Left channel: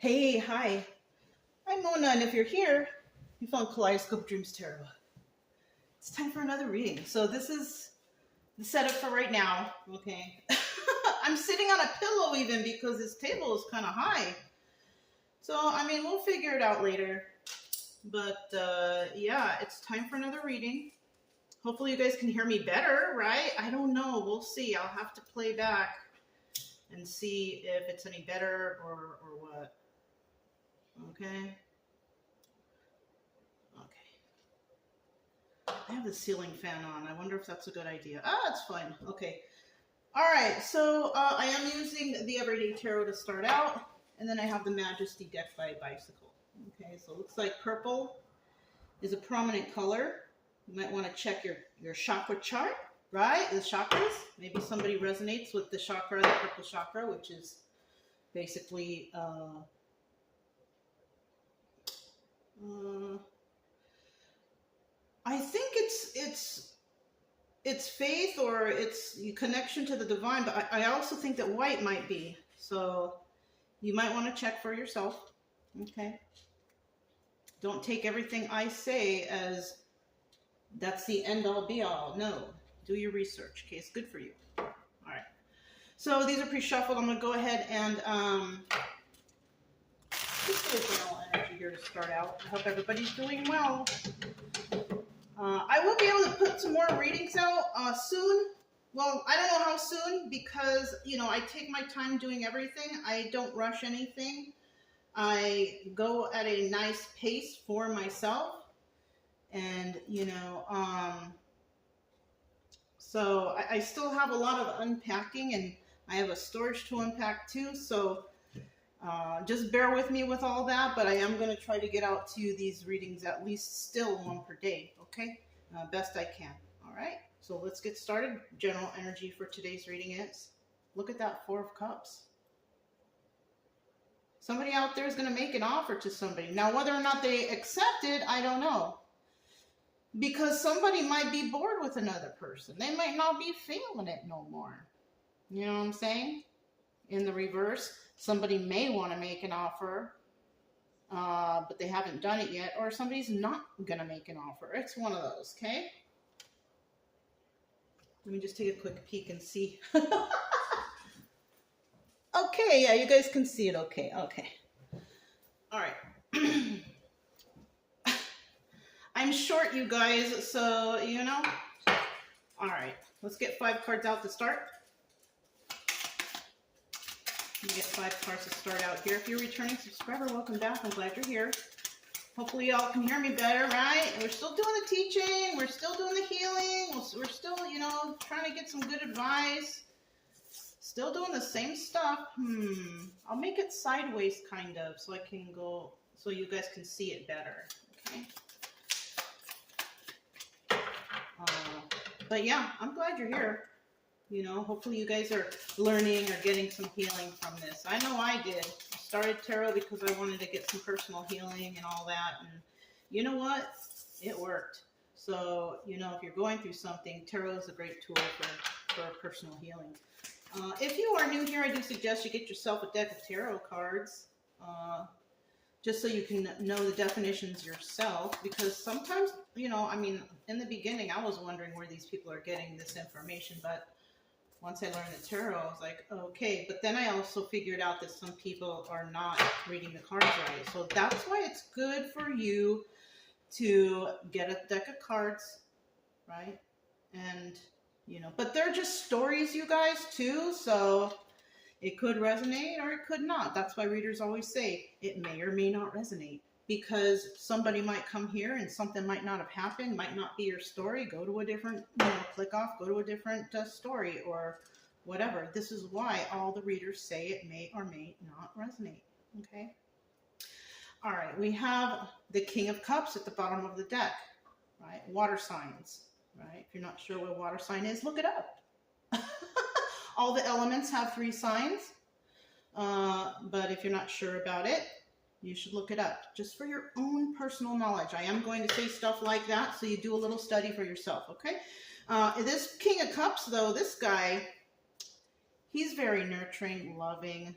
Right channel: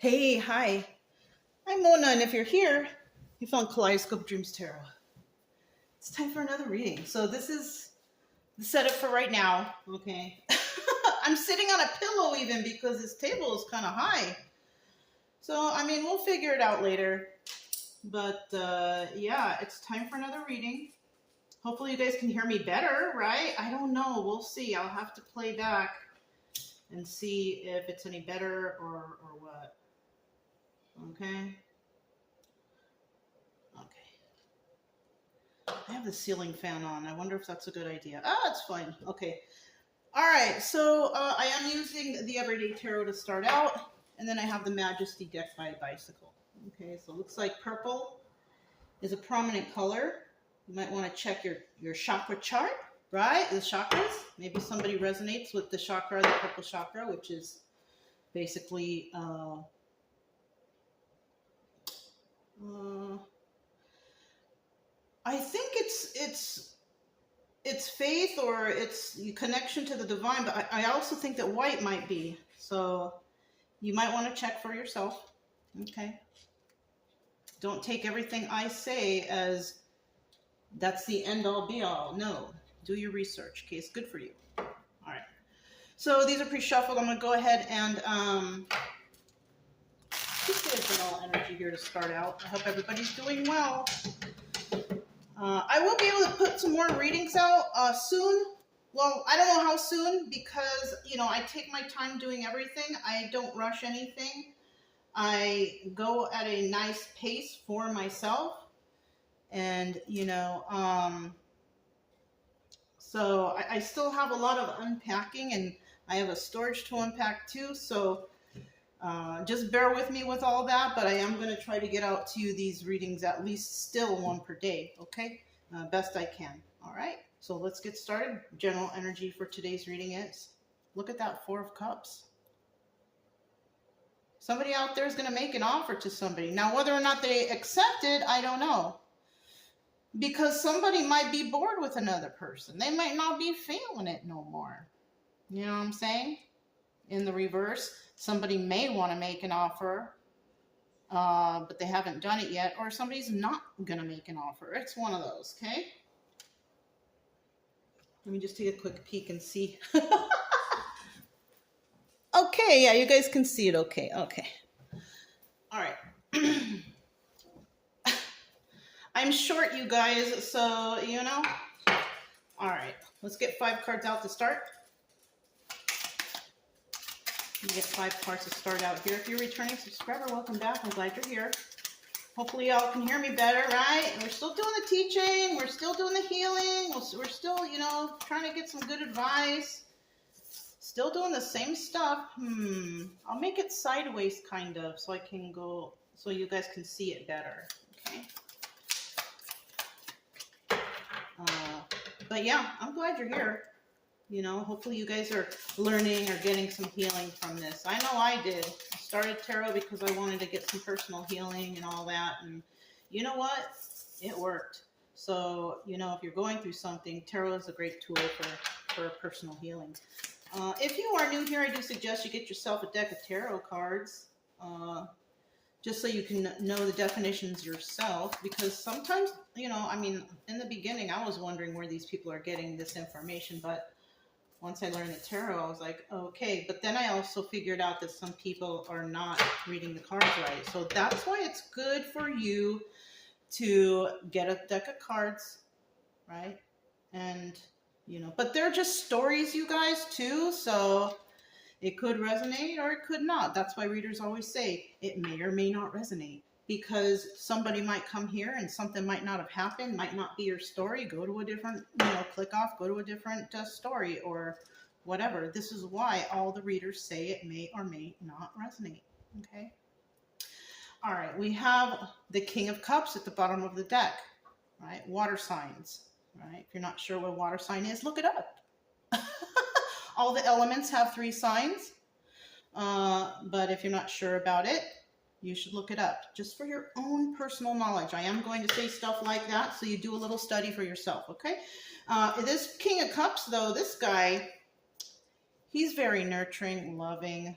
Hey, hi. I'm Mona, and if you're here, you found Kaleidoscope Dreams Tarot. It's time for another reading. So this is the setup for right now, okay? I'm sitting on a pillow even because this table is kind of high. So, I mean, we'll figure it out later. But, yeah, it's time for another reading. Hopefully you guys can hear me better, right? I don't know. We'll see. I'll have to play back and see if it's any better or what. Okay. I have the ceiling fan on. I wonder if that's a good idea. Ah, it's fine. Okay. All right. So I am using the Everyday Tarot to start out. And then I have the Majesty deck by Bicycle. Okay. So it looks like purple is a prominent color. You might want to check your chakra chart, right? The chakras. Maybe somebody resonates with the chakra, the purple chakra, which is basically I think it's faith or it's connection to the divine, but I also think that white might be. So you might want to check for yourself. Okay. Don't take everything I say as that's the end all be all. No, do your research. Okay, it's good for you. All right. So these are pre-shuffled. I'm going to go ahead and just do a general energy here to start out. I hope everybody's doing well. I will be able to put some more readings out soon. Well, I don't know how soon because, I take my time doing everything. I don't rush anything. I go at a nice pace for myself. And, so I still have a lot of unpacking and I have a storage to unpack too. So just bear with me with all that, but I am going to try to get out to you these readings at least still one per day, okay? Best I can, all right? So let's get started. General energy for today's reading is, look at that Four of Cups. Somebody out there is going to make an offer to somebody. Now, whether or not they accept it, I don't know. Because somebody might be bored with another person. They might not be feeling it no more. You know what I'm saying? In the reverse, somebody may want to make an offer, but they haven't done it yet, or somebody's not going to make an offer. It's one of those, okay? Let me just take a quick peek and see. Okay, yeah, you guys can see it okay. Okay. All right. I'm short, you guys, so, All right, let's get 5 cards out to start. You get 5 cards to start out here. If you're a returning subscriber, welcome back. I'm glad you're here. Hopefully y'all can hear me better, right? And we're still doing the teaching. We're still doing the healing. We're still, trying to get some good advice. Still doing the same stuff. I'll make it sideways kind of so I can go, so you guys can see it better, okay? But yeah, I'm glad you're here. Hopefully you guys are learning or getting some healing from this. I know I did. I started tarot because I wanted to get some personal healing and all that. And you know what? It worked. So, if you're going through something, tarot is a great tool for personal healing. If you are new here, I do suggest you get yourself a deck of tarot cards. Just so you can know the definitions yourself, because sometimes, in the beginning, I was wondering where these people are getting this information, but once I learned the tarot, I was like, okay. But then I also figured out that some people are not reading the cards right. So that's why it's good for you to get a deck of cards, right? And, but they're just stories, you guys, too. So it could resonate or it could not. That's why readers always say it may or may not resonate, because somebody might come here and something might not have happened, might not be your story. Go to a different, click off, go to a different story or whatever. This is why all the readers say it may or may not resonate, okay? All right, we have the King of Cups at the bottom of the deck, right? Water signs, right? If you're not sure what a water sign is, look it up. All the elements have 3 signs, but if you're not sure about it, you should look it up just for your own personal knowledge. I am going to say stuff like that, so you do a little study for yourself, okay? This King of Cups, though, this guy, he's very nurturing, loving,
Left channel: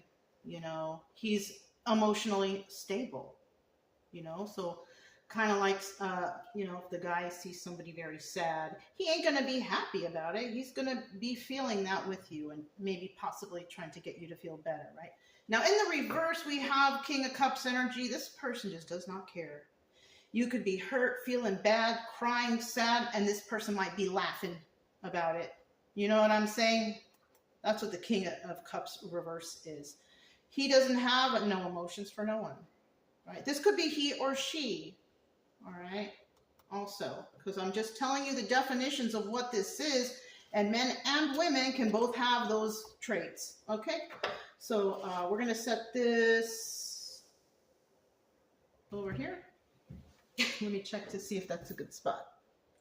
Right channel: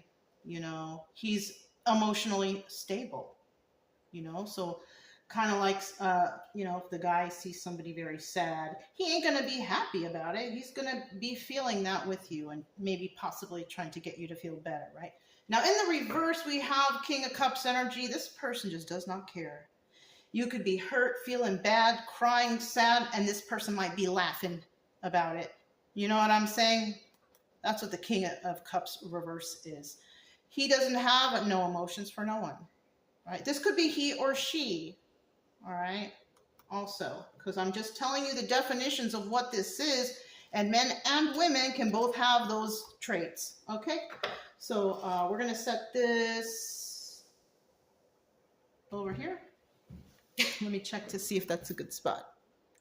he's emotionally stable, so kind of like, if the guy sees somebody very sad, he ain't going to be happy about it. He's going to be feeling that with you and maybe possibly trying to get you to feel better, right? Now, in the reverse, we have King of Cups energy. This person just does not care. You could be hurt, feeling bad, crying, sad, and this person might be laughing about it. You know what I'm saying? That's what the King of Cups reverse is. He doesn't have no emotions for no one, right? This could be he or she, all right? Also, because I'm just telling you the definitions of what this is, and men and women can both have those traits, okay? So we're going to set this over here. Let me check to see if that's a good spot.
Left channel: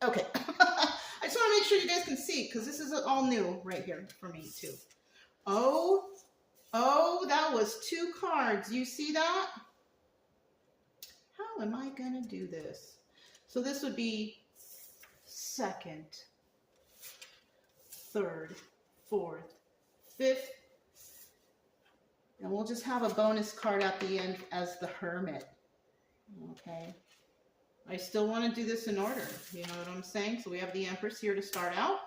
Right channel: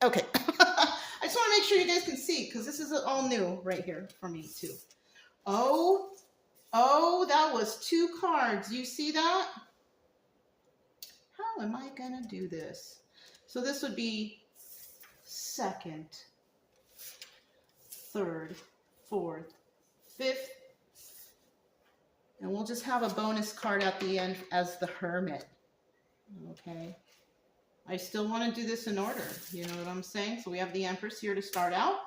Okay. I just want to make sure you guys can see, because this is all new right here for me too. Oh, that was 2 cards. You see that? How am I going to do this? So this would be 2nd, 3rd, 4th, 5th. And we'll just have a bonus card at the end as the Hermit. Okay. I still want to do this in order. You know what I'm saying? So we have the Empress here to start out.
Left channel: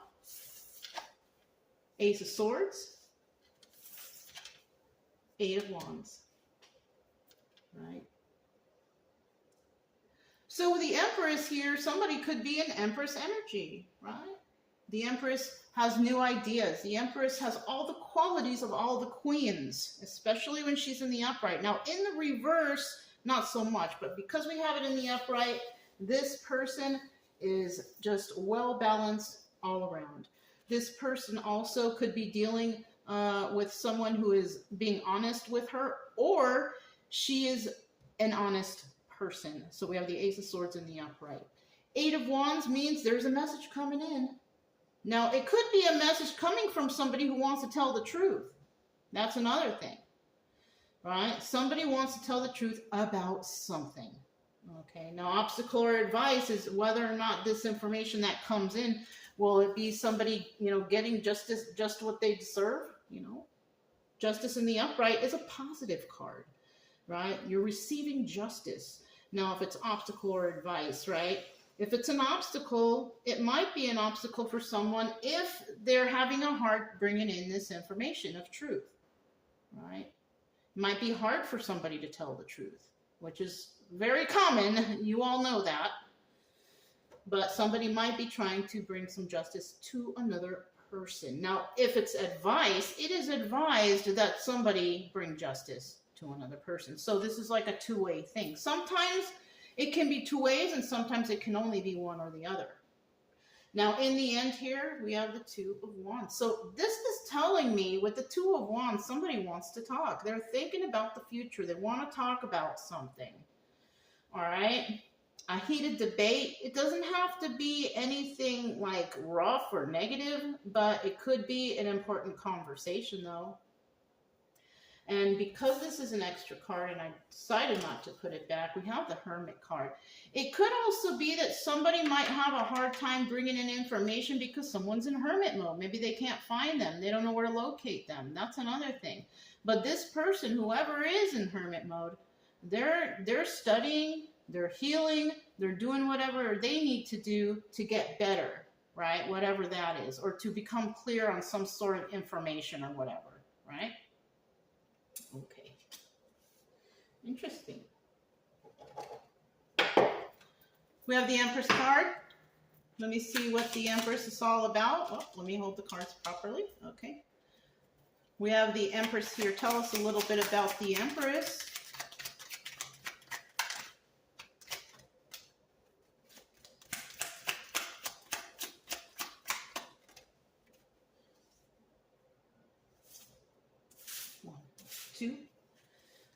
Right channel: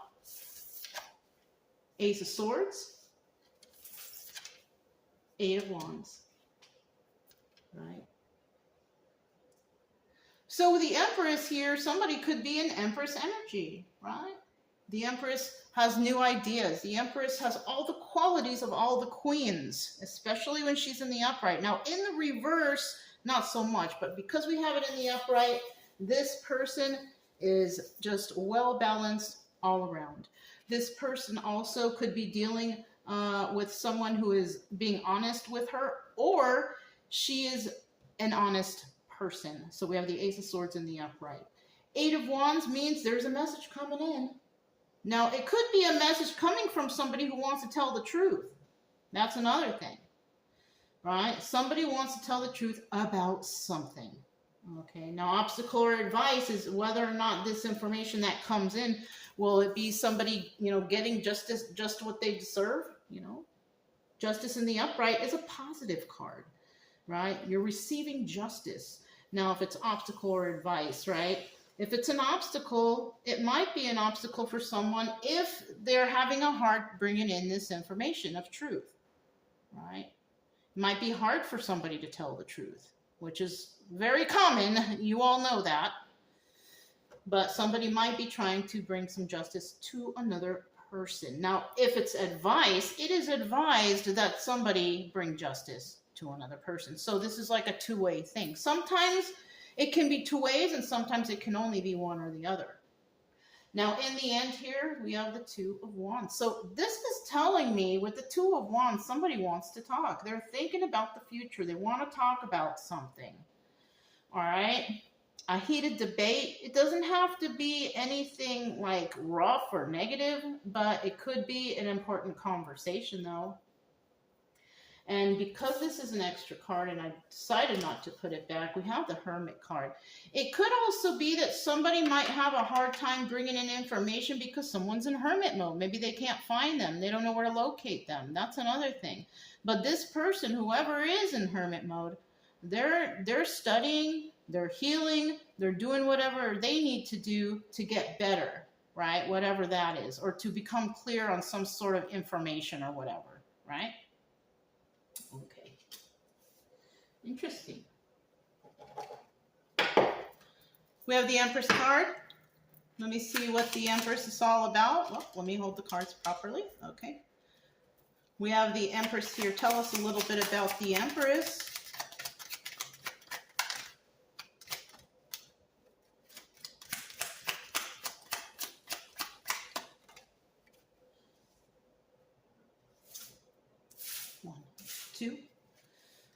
Ace of Swords. 8 of Wands. Right? So the Empress here, somebody could be an Empress energy, right? The Empress has new ideas. The Empress has all the qualities of all the queens, especially when she's in the upright. Now, in the reverse, not so much, but because we have it in the upright, this person is just well balanced all around. This person also could be dealing with someone who is being honest with her, or she is an honest person. So we have the Ace of Swords in the upright. 8 of Wands means there's a message coming in. Now, it could be a message coming from somebody who wants to tell the truth. That's another thing, right? Somebody wants to tell the truth about something. Okay, now obstacle or advice is whether or not this information that comes in, will it be somebody, getting justice, just what they deserve, Justice in the upright is a positive card, right? You're receiving justice. Now, if it's obstacle or advice, right? If it's an obstacle, it might be an obstacle for someone if they're having a hard bringing in this information of truth, right? It might be hard for somebody to tell the truth, which is very common. You all know that. But somebody might be trying to bring some justice to another person. Now, if it's advice, it is advised that somebody bring justice to another person. So this is like a two-way thing. Sometimes it can be 2 ways, and sometimes it can only be one or the other. Now, in the end here, we have the 2 of Wands. So this is telling me with the 2 of Wands, somebody wants to talk. They're thinking about the future. They want to talk about something. All right? A heated debate. It doesn't have to be anything like rough or negative, but it could be an important conversation, though. And because this is an extra card and I decided not to put it back, we have the Hermit card. It could also be that somebody might have a hard time bringing in information because someone's in Hermit mode. Maybe they can't find them. They don't know where to locate them. That's another thing. But this person, whoever is in Hermit mode, they're studying, they're healing, they're doing whatever they need to do to get better, right? Whatever that is, or to become clear on some sort of information or whatever, right? Okay. Interesting. We have the Empress card. Let me see what the Empress is all about. Oh, let me hold the cards properly. Okay. We have the Empress here. Tell us a little bit about the Empress.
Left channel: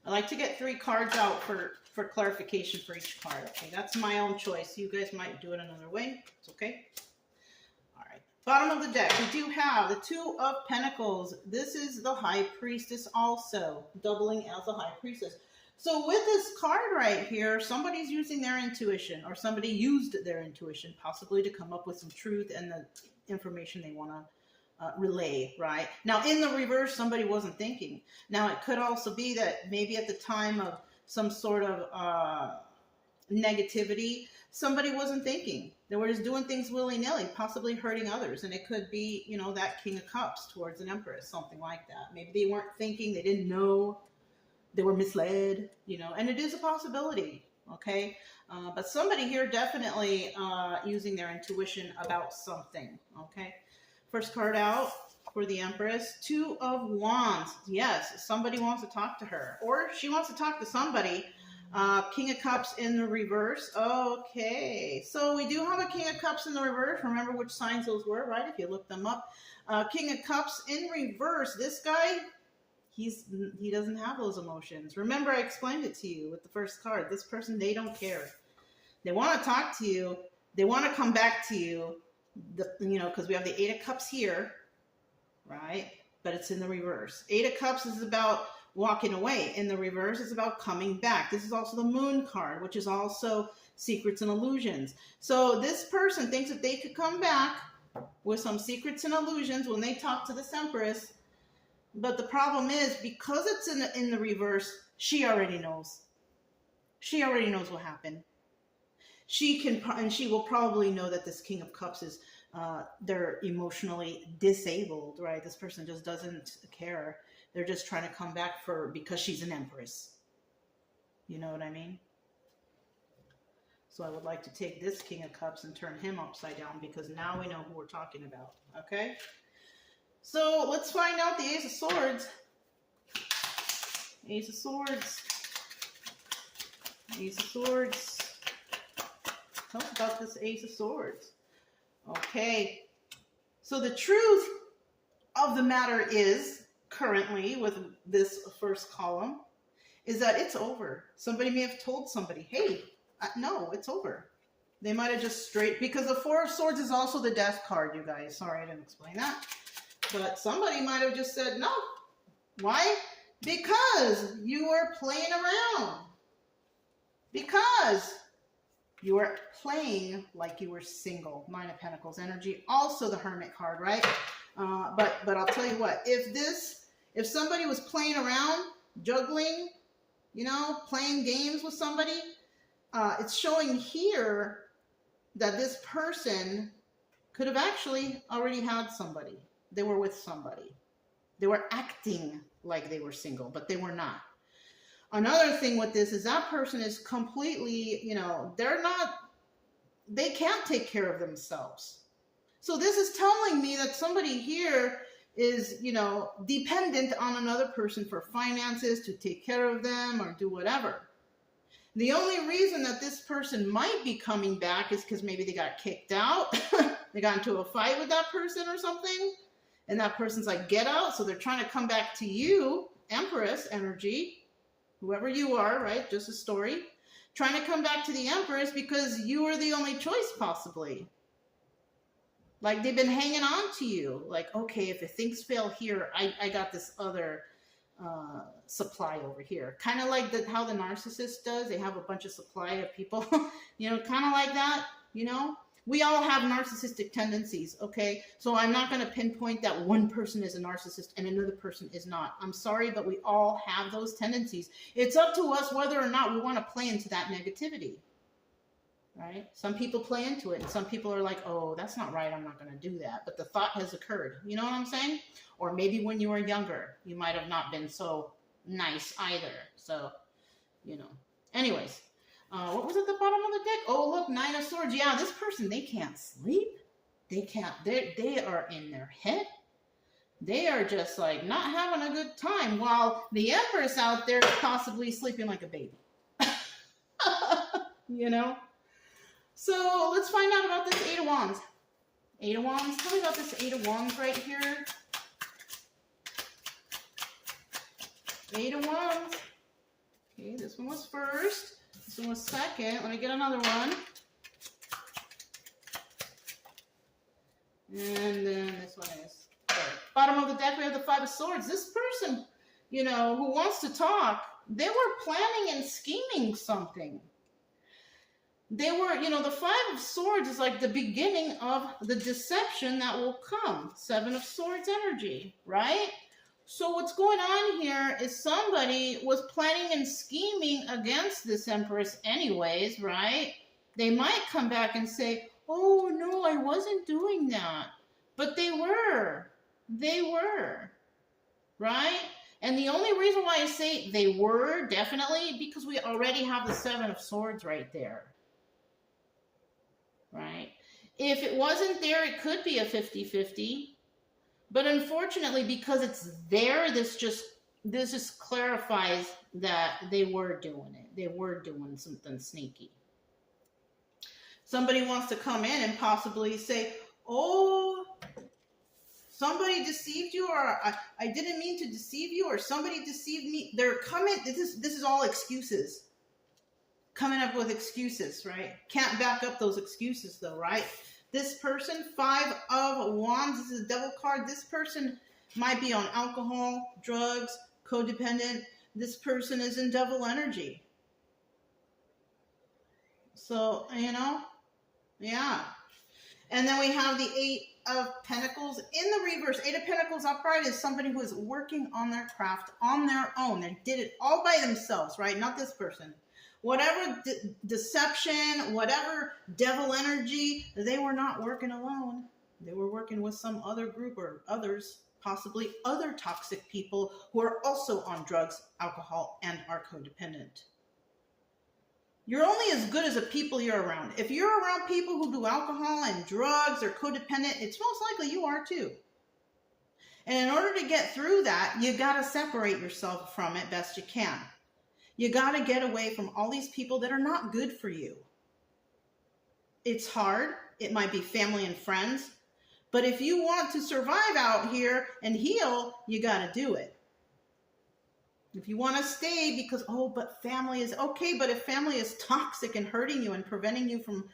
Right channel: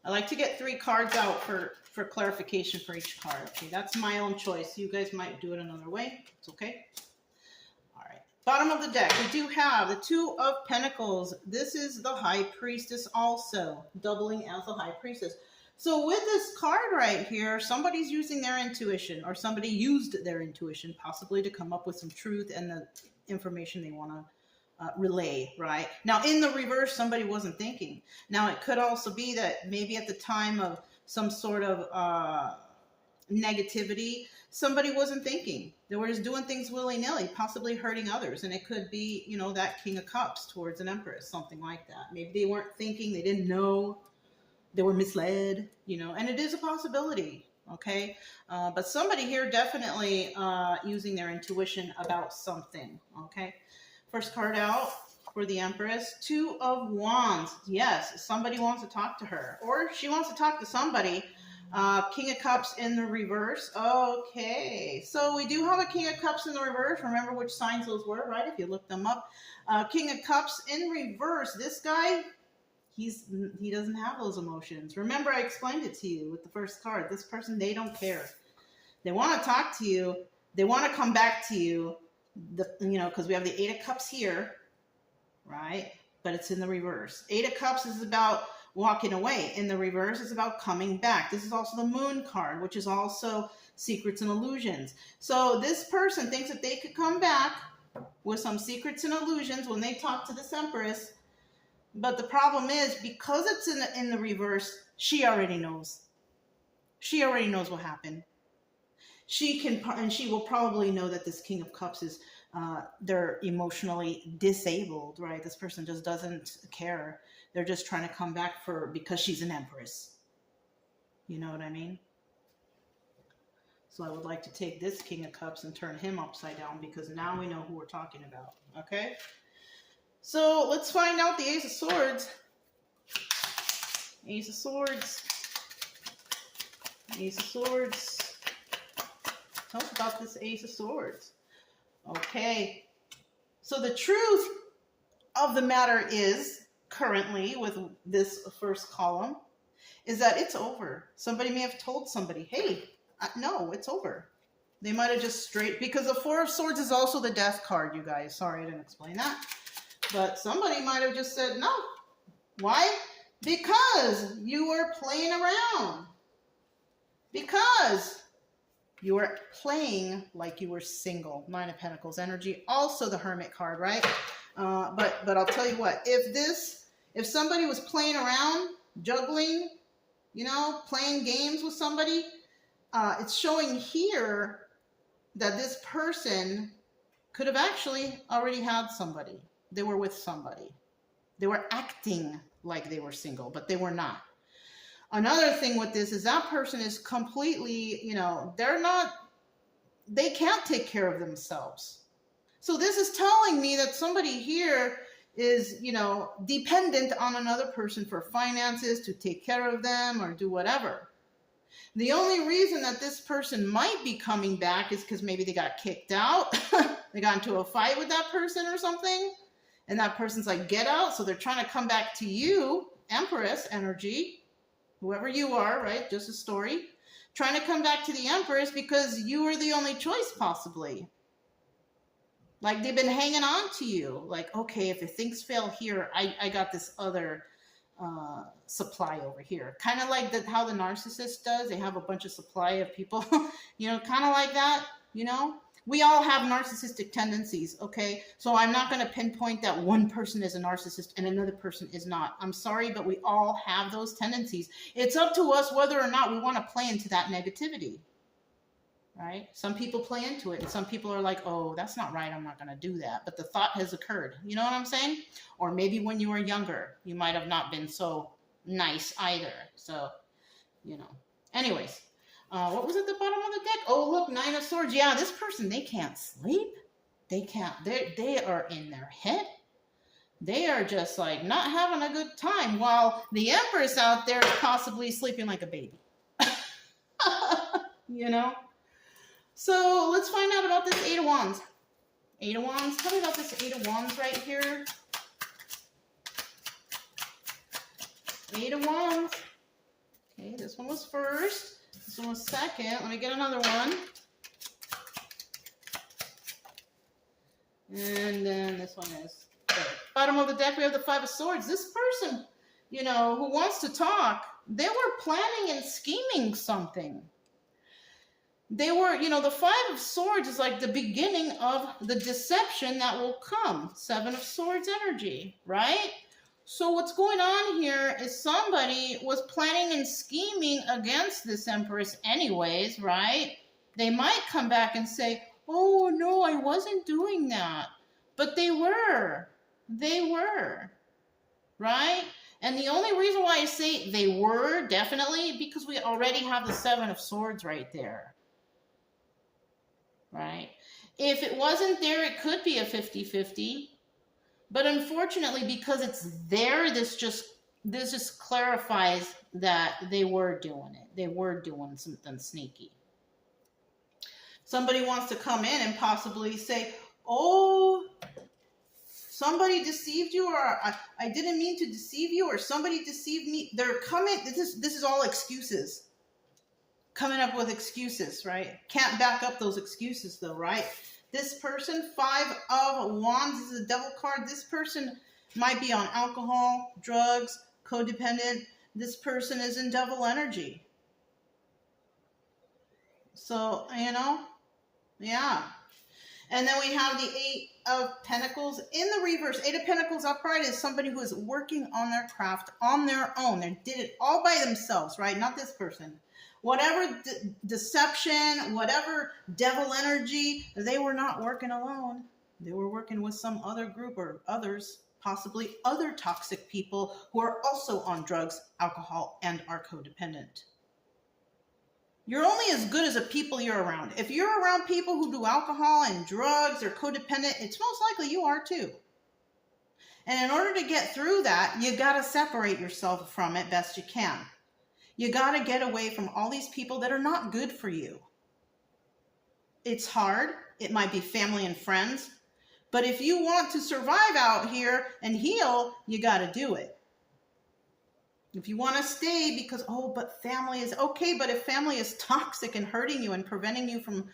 I like to get 3 cards out for clarification for each card. Okay, that's my own choice. You guys might do it another way. It's okay. All right. Bottom of the deck, we do have the 2 of Pentacles. This is the High Priestess also, doubling as the High Priestess. So with this card right here, somebody's using their intuition, or somebody used their intuition possibly to come up with some truth and the information they want relay, right? Now, in the reverse, somebody wasn't thinking. Now, it could also be that maybe at the time of some sort of negativity, somebody wasn't thinking. They were just doing things willy-nilly, possibly hurting others. And it could be, you know, that King of Cups towards an Empress, something like that. Maybe they weren't thinking, they didn't know, they were misled, you know, and it is a possibility, okay? But somebody here definitely using their intuition about something, okay? First card out for the Empress, Two of Wands. Yes, somebody wants to talk to her, or she wants to talk to somebody. King of Cups in the reverse. Okay, so we do have a King of Cups in the reverse. Remember which signs those were, right? If you look them up. King of Cups in reverse. This guy, he doesn't have those emotions. Remember, I explained it to you with the first card. This person, they don't care. They want to talk to you. They want to come back to you. You know, because we have the Eight of Cups here, right? But it's in the reverse. Eight of Cups is about walking away. In the reverse, it's about coming back. This is also the Moon card, which is also secrets and illusions. So this person thinks that they could come back with some secrets and illusions when they talk to this Empress. But the problem is, because it's in the reverse, she already knows. She already knows what happened. And she will probably know that this King of Cups is, they're emotionally disabled, right? This person just doesn't care. They're just trying to come back because she's an Empress. You know what I mean? So I would like to take this King of Cups and turn him upside down, because now we know who we're talking about, okay? So let's find out the Ace of Swords. Ace of Swords. Ace of Swords. Tell us about this Ace of Swords. Okay. So the truth of the matter is, currently with this first column, is that it's over. Somebody may have told somebody, hey, no, it's over. They might have just because the Four of Swords is also the Death card, you guys. Sorry, I didn't explain that. But somebody might have just said no. Why? Because you were playing around. Because you were playing like you were single. Nine of Pentacles energy. Also the Hermit card, right? But I'll tell you what. If somebody was playing around, juggling, you know, playing games with somebody, it's showing here that this person could have actually already had somebody. They were with somebody. They were acting like they were single, but they were not. Another thing with this is that person is completely, you know, they can't take care of themselves. So this is telling me that somebody here is, you know, dependent on another person for finances, to take care of them or do whatever. The only reason that this person might be coming back is because maybe they got kicked out. They got into a fight with that person or something. And that person's like, get out. So they're trying to come back to you, Empress energy, whoever you are, right? Just a story. Trying to come back to the Empress because you are the only choice, possibly. Like they've been hanging on to you. Like, okay, if things fail here, I got this other supply over here. Kind of like how the narcissist does. They have a bunch of supply of people, you know, kind of like that, you know. We all have narcissistic tendencies, okay? So I'm not going to pinpoint that one person is a narcissist and another person is not. I'm sorry, but we all have those tendencies. It's up to us whether or not we want to play into that negativity, right? Some people play into it, and some people are like, oh, that's not right, I'm not going to do that. But the thought has occurred. You know what I'm saying? Or maybe when you were younger, you might have not been so nice either. So, you know. Anyways. What was at the bottom of the deck? Oh, look, Nine of Swords. Yeah, this person, they can't sleep. They can't. They are in their head. They are just like not having a good time, while the Empress out there is possibly sleeping like a baby. You know? So let's find out about this Eight of Wands. Eight of Wands. Tell me about this Eight of Wands right here. Eight of Wands. Okay, this one was first. This one was second. Let me get another one. And then this one is third. Bottom of the deck, we have the Five of Swords. This person, you know, who wants to talk, they were planning and scheming something. They were, you know, the Five of Swords is like the beginning of the deception that will come. Seven of Swords energy, right? So what's going on here is somebody was planning and scheming against this Empress anyways, right? They might come back and say, oh, no, I wasn't doing that. But they were. They were. Right? And the only reason why I say they were, definitely, because we already have the Seven of Swords right there. Right? If it wasn't there, it could be a 50-50. But unfortunately, because it's there, this just clarifies that they were doing it. They were doing something sneaky. Somebody wants to come in and possibly say, oh, somebody deceived you, or I didn't mean to deceive you, or somebody deceived me. They're coming, this is all excuses. Coming up with excuses, right? Can't back up those excuses though, right? This person, Five of Wands, this is a devil card. This person might be on alcohol, drugs, codependent. This person is in devil energy. So, you know, yeah. And then we have the Eight of Pentacles in the reverse. Eight of Pentacles upright is somebody who is working on their craft on their own. They did it all by themselves, right? Not this person. Whatever deception, whatever devil energy, they were not working alone. They were working with some other group or others, possibly other toxic people who are also on drugs, alcohol, and are codependent. You're only as good as the people you're around. If you're around people who do alcohol and drugs or codependent, it's most likely you are too. And in order to get through that, you got to separate yourself from it best you can. You got to get away from all these people that are not good for you. It's hard. It might be family and friends. But if you want to survive out here and heal, you got to do it. If you want to stay because, oh, but family is okay. But if family is toxic and hurting you and preventing you from,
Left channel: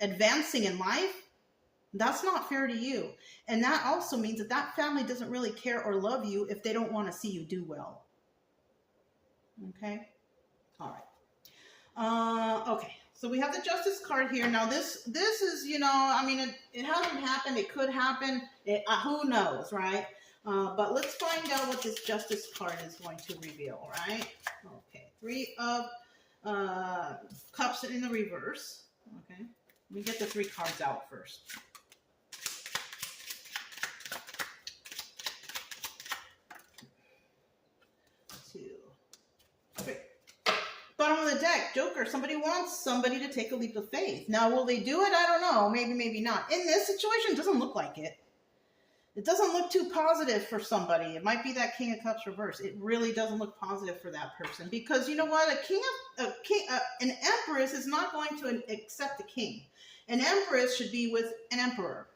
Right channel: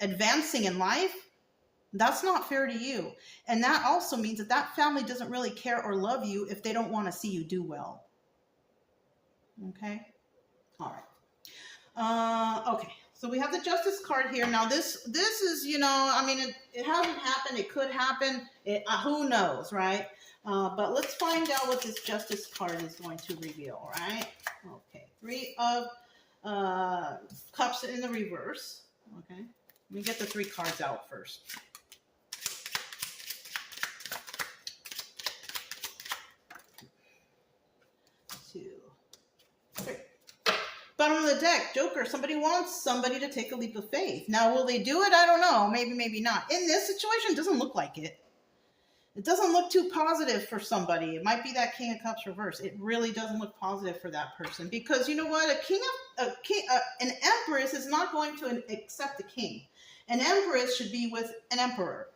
advancing in life, that's not fair to you. And that also means that that family doesn't really care or love you if they don't want to see you do well. Okay. All right. Okay. So we have the Justice card here. Now this is, it hasn't happened. It could happen. Who knows, right? But let's find out what this Justice card is going to reveal, right? Okay. Three of Cups in the reverse. Okay. Let me get the three cards out first. Bottom of the deck, Joker. Somebody wants somebody to take a leap of faith. Now, will they do it? I don't know. Maybe, maybe not. In this situation, it doesn't look like it. It doesn't look too positive for somebody. It might be that King of Cups reverse. It really doesn't look positive for that person. Because you know what? An empress is not going to accept a king. An empress should be with an emperor.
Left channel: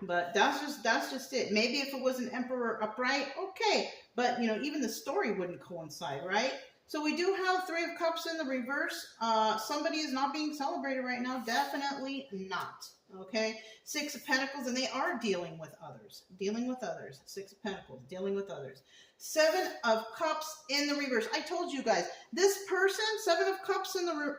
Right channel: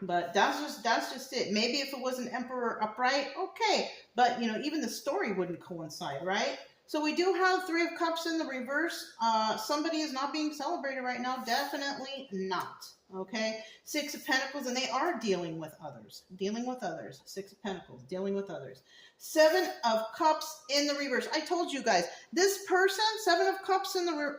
But that's just it. Maybe if it was an emperor upright, okay. But, even the story wouldn't coincide, right? So we do have Three of Cups in the reverse. Somebody is not being celebrated right now. Definitely not. Okay. Six of Pentacles, and they are dealing with others. Dealing with others. Six of Pentacles, dealing with others. Seven of Cups in the reverse. I told you guys, this person, Seven of Cups in the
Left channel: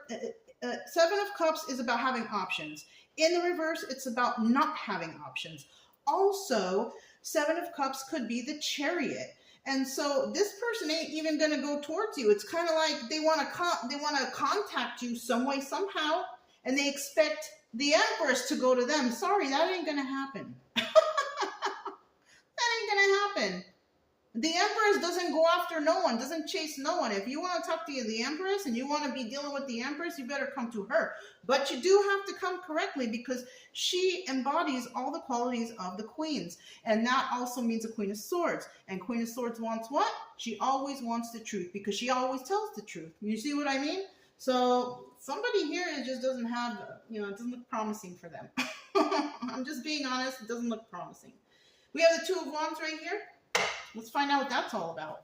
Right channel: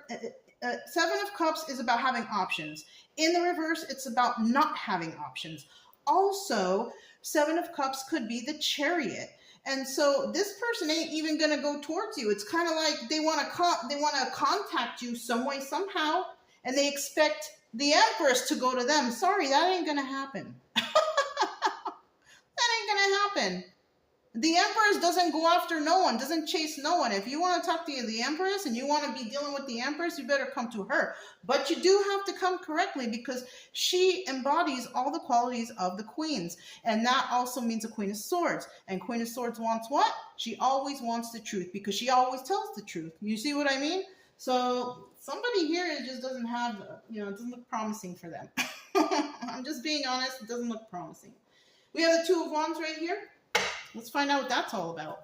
Seven of Cups is about having options. In the reverse, it's about not having options. Also, Seven of Cups could be the Chariot. And so this person ain't even going to go towards you. It's kind of like they want to contact you some way, somehow, and they expect the Empress to go to them. Sorry, that ain't going to happen. That ain't going to happen. The Empress doesn't go after no one, doesn't chase no one. If you want to talk to the Empress and you want to be dealing with the Empress, you better come to her. But you do have to come correctly because she embodies all the qualities of the queens. And that also means a Queen of Swords. And Queen of Swords wants what? She always wants the truth because she always tells the truth. You see what I mean? So somebody here just doesn't have, it doesn't look promising for them. I'm just being honest. It doesn't look promising. We have the Two of Wands right here. Let's find out what that's all about.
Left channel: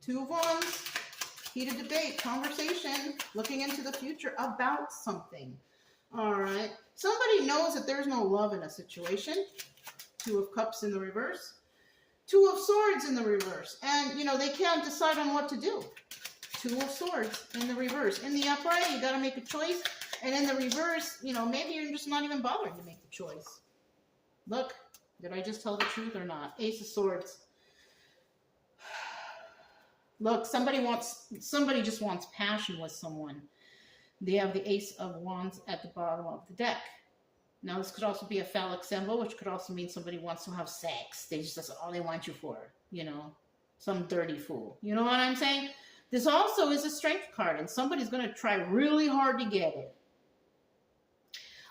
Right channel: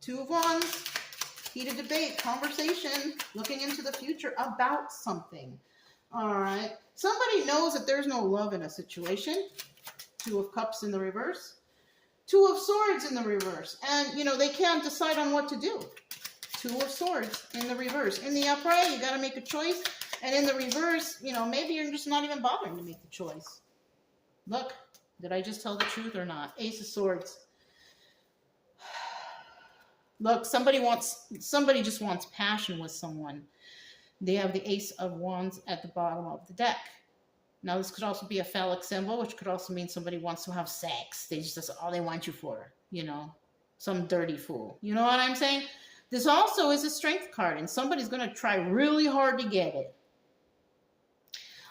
Two of Wands, heated debate, conversation, looking into the future about something. All right. Somebody knows that there's no love in a situation. Two of Cups in the reverse. Two of Swords in the reverse. And, they can't decide on what to do. Two of Swords in the reverse. In the upright, you got to make a choice. And in the reverse, you know, maybe you're just not even bothering to make the choice. Look, did I just tell the truth or not? Ace of Swords. Look, somebody just wants passion with someone. They have the Ace of Wands at the bottom of the deck. Now, this could also be a phallic symbol, which could also mean somebody wants to have sex. That's all they want you for, you know, some dirty fool. You know what I'm saying? This also is a strength card, and somebody's going to try really hard to get it.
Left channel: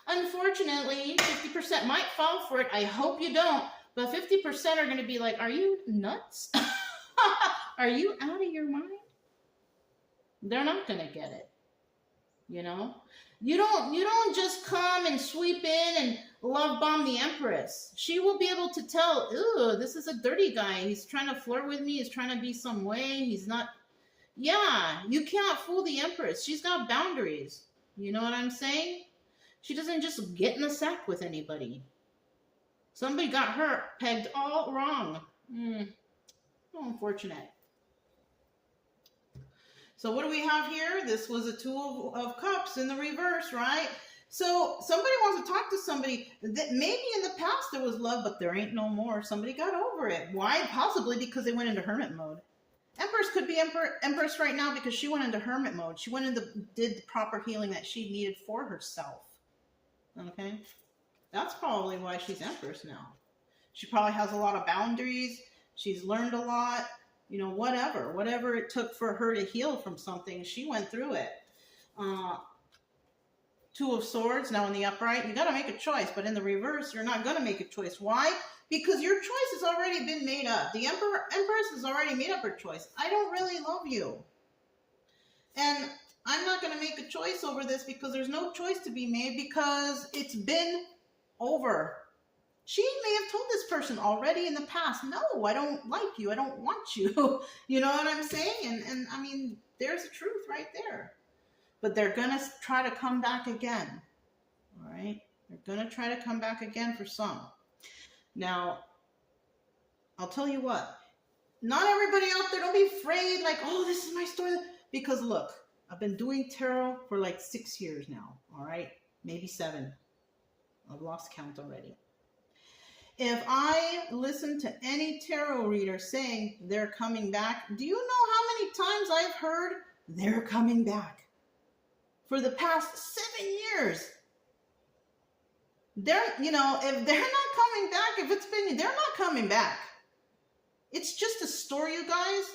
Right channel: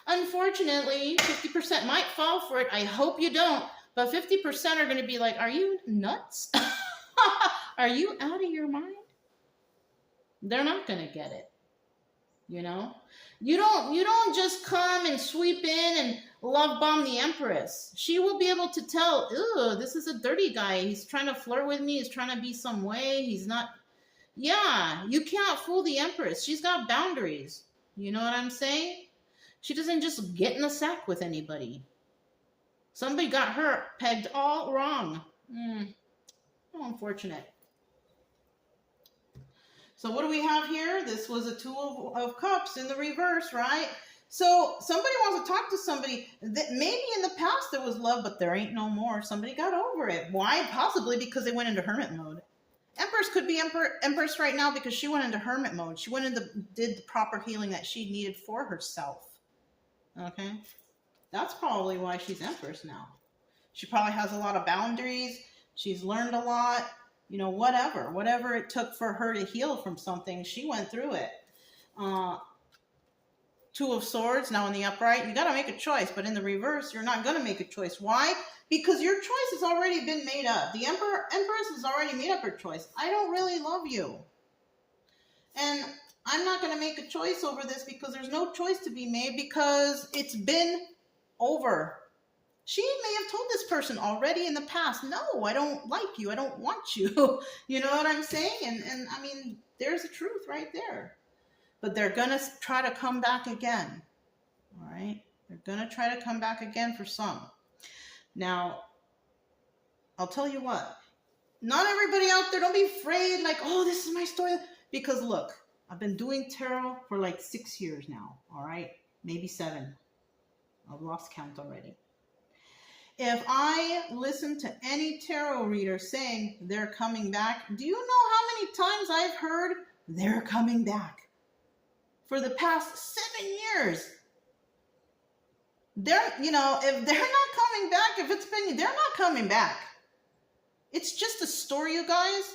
Unfortunately, 50% might fall for it. I hope you don't. But 50% are going to be like, are you nuts? Are you out of your mind? They're not going to get it. You know? You don't just come and sweep in and love bomb the Empress. She will be able to tell, ooh, this is a dirty guy. He's trying to flirt with me. He's trying to be some way. He's not. Yeah, you can't fool the Empress. She's got boundaries. You know what I'm saying? She doesn't just get in the sack with anybody. Somebody got her pegged all wrong. How unfortunate. So what do we have here? This was a Two of Cups in the reverse, right? So somebody wants to talk to somebody that maybe in the past there was love, but there ain't no more. Somebody got over it. Why? Possibly because they went into hermit mode. Empress could be Empress right now because she went into hermit mode. She went into did the proper healing that she needed for herself. Okay? That's probably why she's Empress now. She probably has a lot of boundaries. She's learned a lot. You know, whatever it took for her to heal from something, she went through it. Two of Swords, now in the upright, you got to make a choice, but in the reverse, you're not going to make a choice. Why? Because your choice has already been made up. The Empress has already made up her choice. I don't really love you. And I'm not going to make a choice over this because there's no choice to be made because it's been over. She may have told this person already in the past, no, I don't like you. I don't want you. You know what I'm saying? And I mean, there's the truth right there. But they're going to try to come back again. All right? They're going to try to come back again for some. Now, I'll tell you what. Not everybody out there, don't be afraid like, oh, this is my story. Because look, I've been doing tarot for like 6 years now. All right? Maybe 7. I've lost count already. If I listen to any tarot reader saying they're coming back, do you know how many times I've heard they're coming back? For the past 7 years. They're, you know, if they're not coming back, if it's been, they're not coming back. It's just a story, you guys.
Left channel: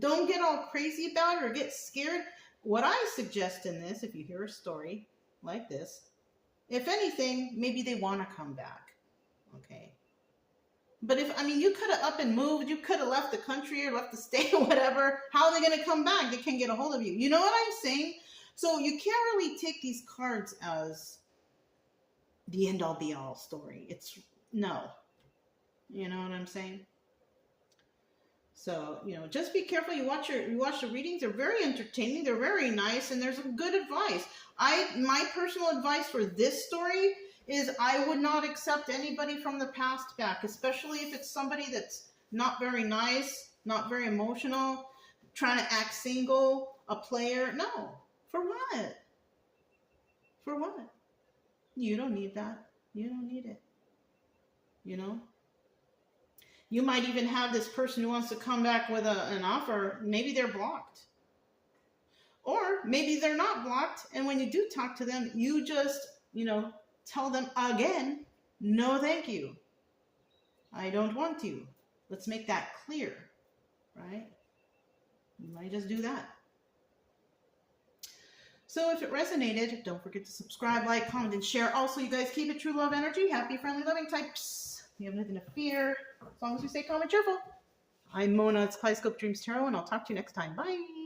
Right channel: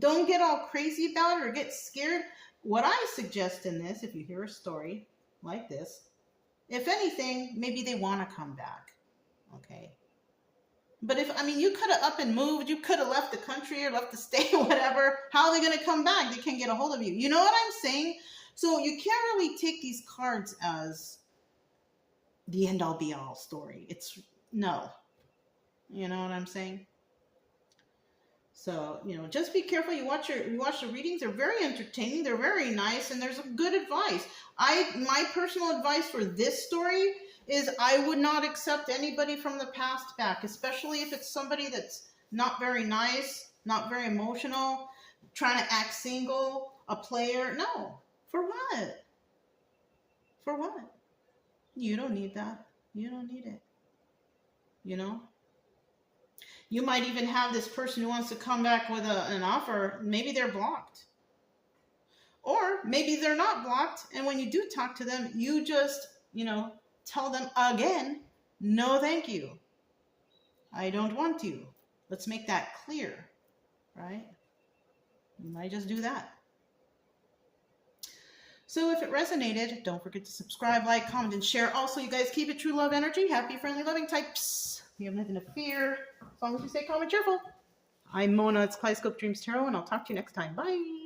Don't get all crazy about it or get scared. What I suggest in this, if you hear a story like this, if anything, maybe they want to come back. Okay. But if, I mean, you could have up and moved, you could have left the country or left the state or whatever. How are they going to come back? They can't get a hold of you. You know what I'm saying? So you can't really take these cards as the end all be all story. It's no. You know what I'm saying? So, you know, just be careful. You watch the readings. They're very entertaining. They're very nice. And there's some good advice. My personal advice for this story is I would not accept anybody from the past back, especially if it's somebody that's not very nice, not very emotional, trying to act single, a player. No. For what? For what? You don't need that. You don't need it. You know? You might even have this person who wants to come back with an offer. Maybe they're blocked. Or maybe they're not blocked. And when you do talk to them, you just, you know, tell them again, no, thank you. I don't want you. Let's make that clear, right? You might just do that. So if it resonated, don't forget to subscribe, like, comment, and share. Also, you guys keep it true love energy. Happy, friendly, loving types. You have nothing to fear. As long as you stay calm and cheerful. I'm Mona. It's Kaleidoscope Dreams Tarot, and I'll talk to you next time. Bye.